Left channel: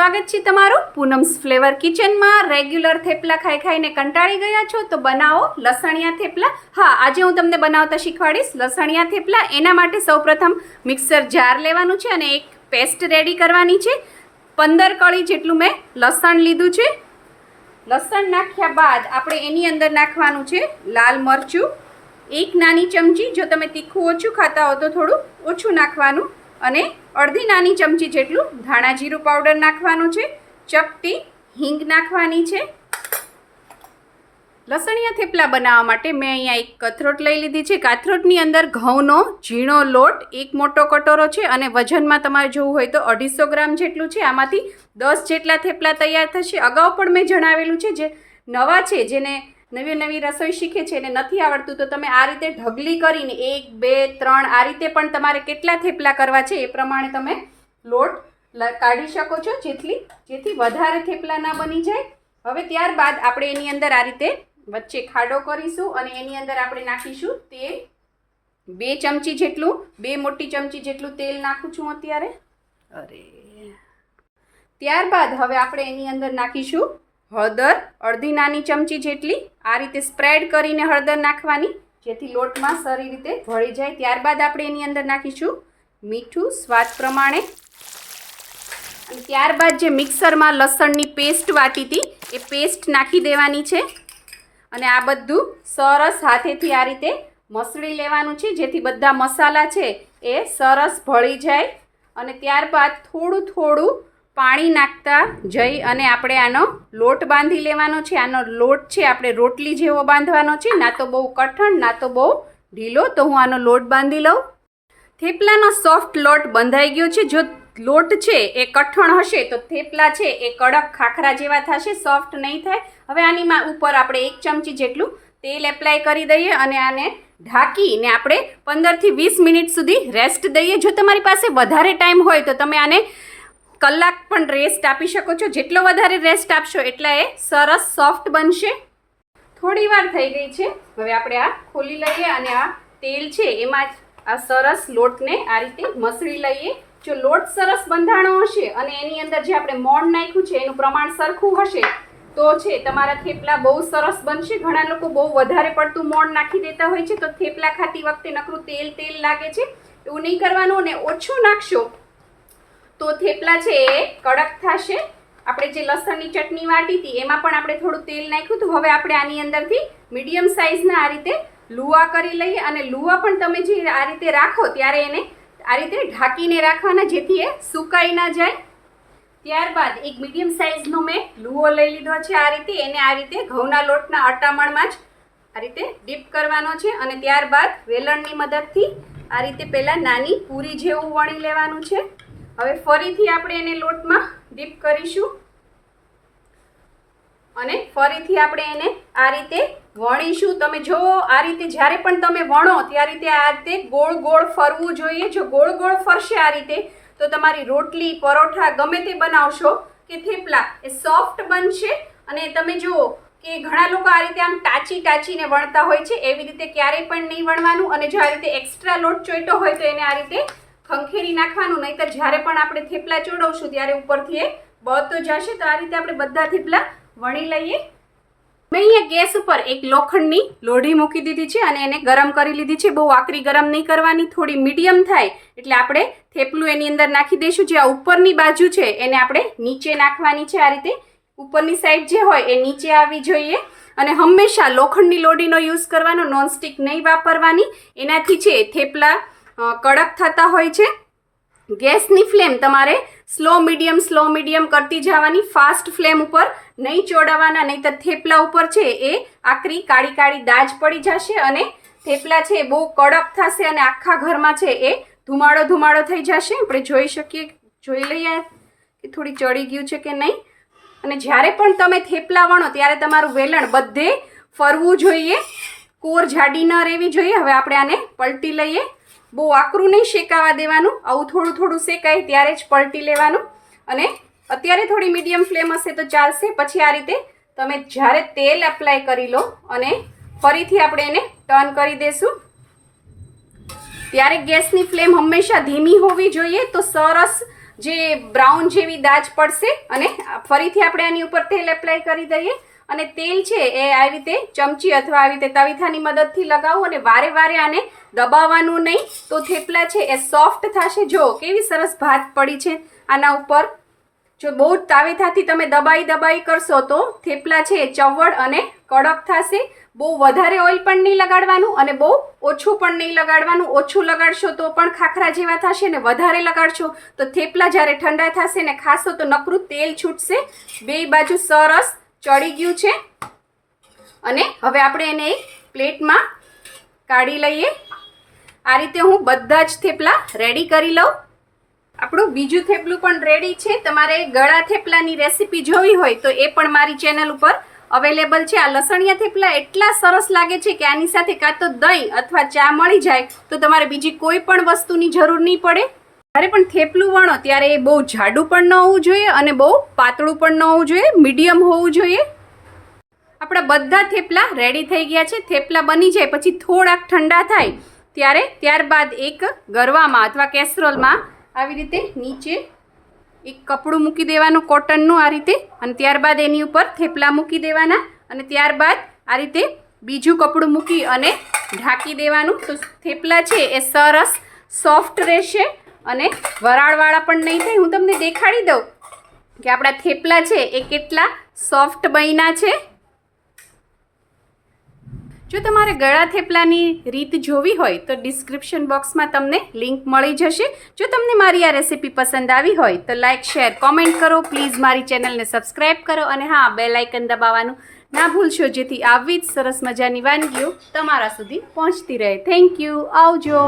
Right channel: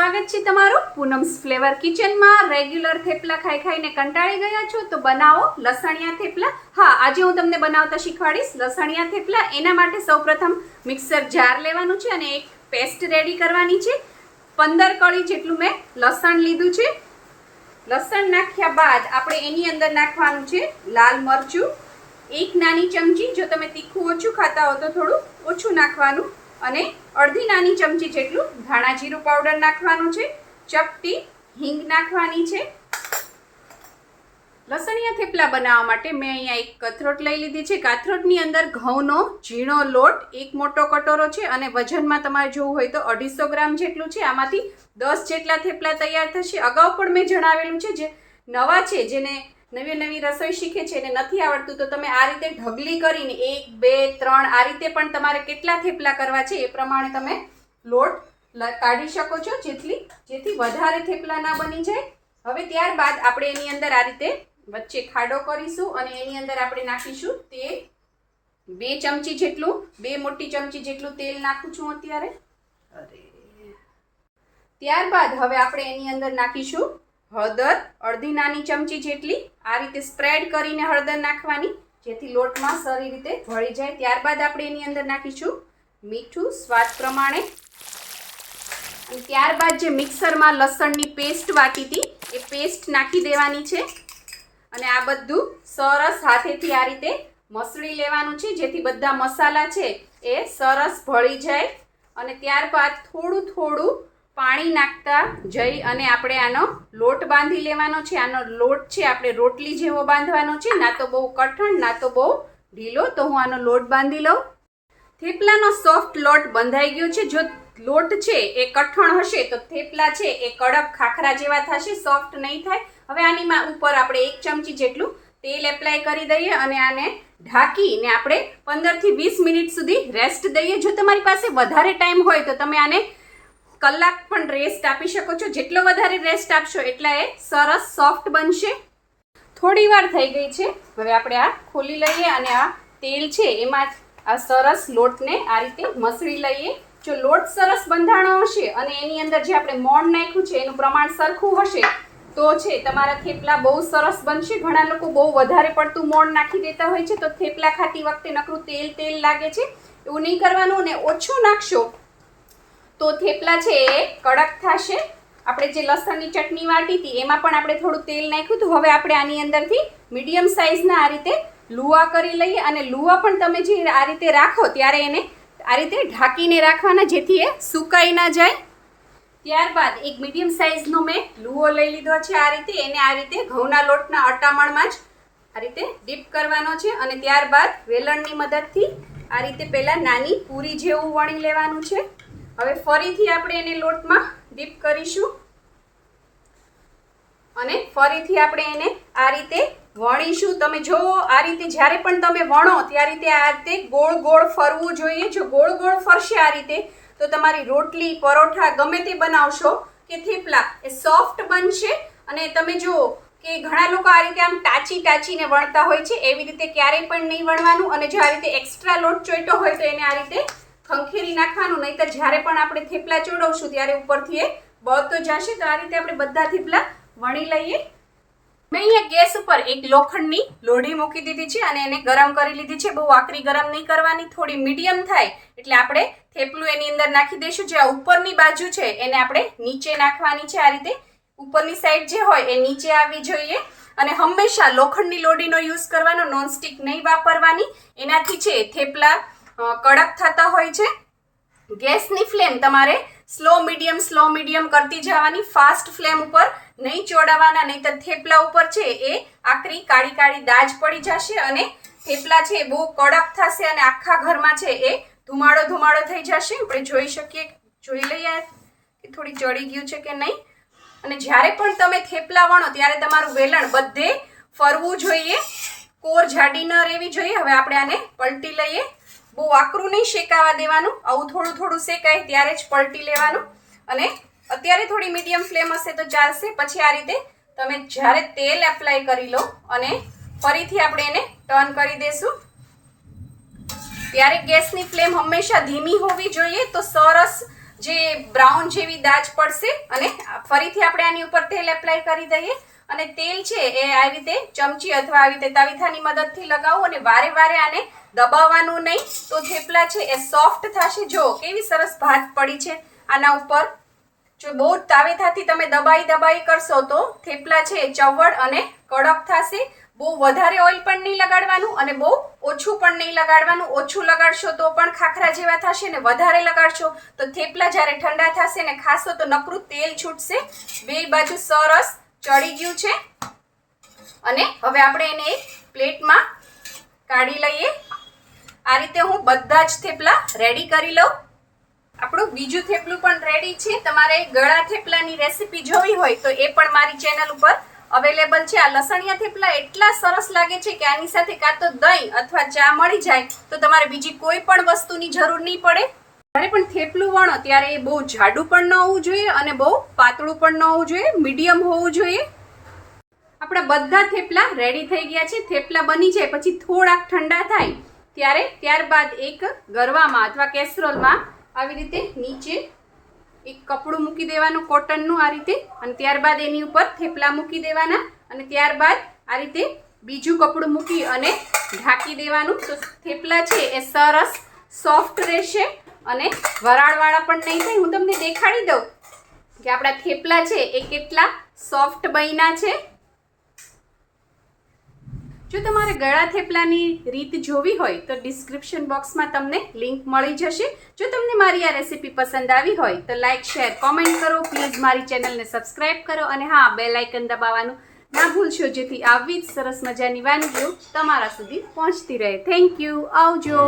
સ્વાગત છે તમારું પૂનમ્સ ફ્લેવર કિચનમાં। રેગ્યુલર થેપલા ખાઈ ખાઈને કંટાળી ગયા છો તો બનાવો લસણિયા થેપલા। હા, આજે હું તમને બનાવતા શીખવાડીશ લસણિયા થેપલા। એના માટે સૌપ્રથમ મિક્સર જાર લેવાનું છે અને એક પેસ્ટ રેડી કરવાની છે। 15 કળી જેટલું મેં લસણ લીધું છે। લસણ નાખ્યા બાદ આપણે એની અંદર નાખવાનું છે લાલ મરચું, એક નાની ચમચી। જો તમે તીખું ઓછું ખાતા હો તો થોડું ઓછું નાખવાનું, અને અડધી નાની ચમચી જેટલું ધાણા જીરું પાવડર નાખવાનું છે। ચપટી હિંગ નાખવાની છે। લસણિયા થેપલા બનાવવા માટે મેં અહીંયા એક કથરોટ લઈ લીધી છે। કાથરોટની અંદર ઘઉંનો ઝીણો લોટ એક મોટો કટોરો છે, અને વજનમાં તમારે જોવું હોય તો 250 ગ્રામ જેટલું છે। આમાંથી 10 જેટલા થેપલા તૈયાર થશે। અગાઉ પણ મેં જણાવેલું છે, જે નવા છે, જેને નવી રસોઈ શીખે છે એને નથી આવડતું તો તમે આ રીતે ઢગલી કરીને 1, 2, 3 આ રીતે પણ તમારે કેટલા થેપલા કરવા છે એ પ્રમાણે તમે લોટ કાઢી શકો છો, જેથી વધારે થેપલા ના બની જાય। હવે ત્યારબાદ આપણે એની અંદર આ રીતે વચ્ચે ખાડો કરીશું અને એની અંદર આપણે નાખીશું તેલ। 2 ચમચી જેટલું, 2 મોટી ચમચી જેટલું તેલ નાખું છું અત્યારે। ત્યારબાદ હવે આપણે એની અંદર નાખીશું હળદર, અડધી નાની ચમચી જેટલી। આ રીતે સ્પ્રેડ કરીને હળદર નાખવાની, જેથી લોટમાં સારી રીતે ભળી જાય। ત્યારબાદ આપણે એની અંદર નાખીશું મીઠું સ્વાદ પ્રમાણે, અને ત્યારબાદ જે મિક્સરમાં લસણની પેસ્ટ વાટી હતી એ પેસ્ટ નાખી દેવાની છે, અને આ બધું સરસ હાથેથી આ રીતે મસળી લેવાનું છે, જેથી બધા મસાલા છે એ સરસ ભળી જાય। અને ત્યારબાદ થોડું પાણી નાખતા જઈ અને આપણે આનો લોટ બાંધી લેવાનો છે। આનો લોટ છે આપણે રોટલી જેવો બાંધવાનો છે, ના તો બહુ કઠણ ના તો બહુ ઢીલો। તો હું આનો લોટ બાંધી લઉં। થેપલાનો સોફ્ટ લોટ બંધાઈ ગયો છે। જો લોટ છે એ કઠણ હશે તો થેપલા છે એ કડક ખાખરા જેવા થશે, સોફ્ટ નહીં થાય। હવે આની ઉપર આપણે 1 ચમચી જેટલું તેલ એપ્લાય કરી દઈએ અને આને ઢાંકીને આપણે 15 થી 20 મિનિટ સુધી રેસ્ટ દઈએ। જો તમારી પાસે વધારે ટાઈમ હોય તો તમે આને કલાક પણ રેસ્ટ આપી શકો છો। જેટલો વધારે રેસ્ટ આપશો એટલા એ સરસ સોફ્ટ બનશે। થોડી વાર થઈ ગઈ છે, હવે આપણે આ ખોલી લઈએ અને આ તેલ છે એમાં આ સરસ લોટને આ રીતે મસળી લઈએ। જો લોટ સરસ બંધાણો હશે અને એની અંદર જે આપણે મોણ નાખ્યું છે એનું પ્રમાણ સરખું હશે તો છે તમારા થેપલા બહુ સરસ બનશે। ઘણા લોકો બહુ વધારે પડતું મોણ નાખી દેતા હોય છે, તો થેપલા ખાતી વખતે નકરું તેલ લાગે છે। એવું નહીં કરવાનું, અને ઓછું નાખશો તો થેપલા છે એ કડક થશે। આપણે જે લસણની ચટણી વાટી હતી એમાં પણ આપણે થોડું તેલ નાખ્યું હતું। હવે આપણે આની અંદરથી મીડિયમ સાઇઝના આ રીતે લુવા કરી લઈએ, અને લુવા પણ તમે જે આ રીતે રાખો ત્યારે એને આ રીતે ઢાંકીને રાખવાના, જેથી એ સુકાઈ ના જાય। ત્યારબાદ એક મીડિયમ સાઇઝનો મેં લુવો લઈ લીધો છે આ રીતે, એને આ રીતે ઘઉંના લોટના અટામણમાં જ આ રીતે ડીપ કરવાનો છે, અને ત્યારબાદ વેલણની મદદથી આ રીતે પહેલાં નાની પૂરી જેવું વણી લેવાનું છે। હવે ફરીથી આપણે એને લોટમાં ડીપ કરીશું અને ફરીથી આપણે એને આ રીતે વણીશું। તમે જુઓ આ રીતે જ્યારે પણ તમે વણો ત્યારે આ રીતે ગોળ ફરવું જોઈએ। જો ગોળ ફરશે આ રીતે તો તમારી રોટલી, પરોઠા ગમે તે બનાવશો કે થેપલા એ સોફ્ટ બનશે। અને તમે જુઓ કે ઘણા લોકો આ રીતે આમ ટાચીને વણતા હોય છે, એવી રીતે ક્યારેય પણ નહીં વણવાનું। અને જો આ રીતે એક્સ્ટ્રા લોટ ચોઈટો હોય તો એને આ રીતે ખંખેરી નાખવાનું, નહીંતર જ્યારે પણ આપણે થેપલા ચોડવશું ત્યારે ઉપરથી એ બળતો જશે। તો આ રીતે આપણે બધા થેપલા વણી લઈએ। મેં અહીંયા ગેસ ઉપર એક લોખંડની લોઢી મૂકી દીધી છે અને એને ગરમ કરી લીધી છે। બહુ આકરી ગરમ નહીં કરવાની, થોડી મીડિયમ થાય એટલે આપણે થેપલું એની અંદર નાખી દઈશું। જે આ ઉપરની બાજુ છે એને આપણે નીચે નાખવાની છે। આ રીતે ઉપરની સાઈડ જે હોય એ નીચે આવવી જોઈએ, અને હંમેશા લોખંડની લોઢીનો યુઝ કરવાનો, નોનસ્ટિક નહીં વાપરવાની। એનાથી છે થેપલા કડક થતા હોય છે। ગેસની ફ્લેમ તમારે સ્લો મીડિયમ કરતી જવાની, ફાસ્ટ ફ્લેમ ઉપર નહીં ચોડાવવાના, નહીંતર થેપલા ઉપર છે એ આકરી કાળી દાજ પડી જશે અને થેપલા છે બહુ કડક થશે અને આખા ઘરમાં છે એ ધુમાડો થઈ જશે। આપણે જોઈ લઈએ કે થોડી ચડી ગયું છે કે નહીં। અને જ્યારે પણ તમે થેપલા વણો ત્યારે તમારું વેલણ બધે ફરવું જોઈએ, કોર જાડી ન રહેવી જોઈએ। હવે આપણે આને પલટી લઈએ। બહુ આકરું નહીં શેકાવા દેવાનું, આવું થોડું શેકાય ત્યારે જ પલટી લેવાનું। અને અત્યારે થોડી મીડિયમ ફ્લેમ હશે તો ચાલશે। પછી આ રીતે તમે જ્યારે તેલ એપ્લાય કરી લો અને ફરીથી આપણે એને ટર્ન કરી દેશું, ત્યારે ગેસની ફ્લેમ હંમેશા ધીમી હોવી જોઈએ, તો સરસ જે બ્રાઉન જેવી દાજ પડશે અને ફરીથી આપણે આની ઉપર તેલ એપ્લાય કરી દઈએ અને તેલ છે એ આ રીતે ચમચી અથવા આવી રીતે તવીથાની મદદથી લગાવો અને વારે વારે આને દબાવવાનું નહીં, તો થેપલા છે એ સોફ્ટ થશે. જો કેવી સરસ ભાત પડી છે આના ઉપર. જો બહુ જ તાવેથાથી તમે દબાઈ કરશો તો થેપલા છે એ ચવડ અને કડક થશે. બહુ વધારે ઓઇલ પણ નહીં લગાડવાનું અને બહુ ઓછું પણ નહીં લગાડવાનું. ઓછું લગાડશો તો પણ ખાખરા જેવા થશે ને વધારે લગાડશો તો થેપલા જ્યારે ઠંડા થશે ને ખાશો તો નકરું તેલ છૂટશે. બે બાજુ સરસ ચડી ગયું છે અને હવે આપણે એને એક પ્લેટમાં કાઢી લઈએ. આ રીતે હું બધા જ થેપલા રેડી કરી લઉં. આપણું બીજું થેપલું પણ રેડી છે. તમારે ગળા થેપલાની રેસીપી જોવી હોય તો એ પણ મારી ચેનલ ઉપર અવેલેબલ છે. આ લસણિયા થેપલા એટલા સરસ લાગે છે કે આની સાથે કાં તો દહીં અથવા ચા મળી જાય તો તમારે બીજી કોઈ પણ વસ્તુની જરૂર નહીં પડે. જ્યારે પણ થેપલું વણો ત્યારે એ બહુ જાડું પણ ન હોવું જોઈએ અને બહુ પાતળું પણ ન હોવું જોઈએ, મીડિયમ હોવું જોઈએ. આપણા બધા થેપલા રેડી થઈ ગયા છે. થેપલા બની જાય પછી થોડાક ઠંડા થાય ત્યારબાદ એક ગરવામાં અથવા કેસરોલમાં આવી રીતે નીચે એક કપડું મૂકી દેવાનું કોટનનું આ રીતે અને ત્યારબાદ એની ઉપર થેપલા મૂકી દેવાના અને ત્યારબાદ આ રીતે બીજું કપડું મૂકી અને ઢાંકી દેવાનું. તો થેપલા છે એ સરસ સોફ્ટ રહેશે અને વરાળવાળા પણ નહીં થાય. હું તમને દેખાડી દઉં કે આપણા થેપલા છે એ કેટલા સોફ્ટ બન્યા છે. જો તમારે ગળા થેપલાની રીત જોવી હોય તો ડિસ્ક્રિપ્શન બોક્સમાં તમને લિંક મળી જશે. જો તમને મારી આ રેસીપી પસંદ આવી હોય તો લાઇક, શેર, કોમેન્ટ કરો. પ્લીઝ મારી ચેનલને સબસ્ક્રાઈબ કરો અને હા, બેલ આઇકન દબાવવાનું ના ભૂલશો જેથી આવી જ સરસ મજાની વાનગીઓ તમારા સુધી પહોંચતી રહે. Thank you. આવજો.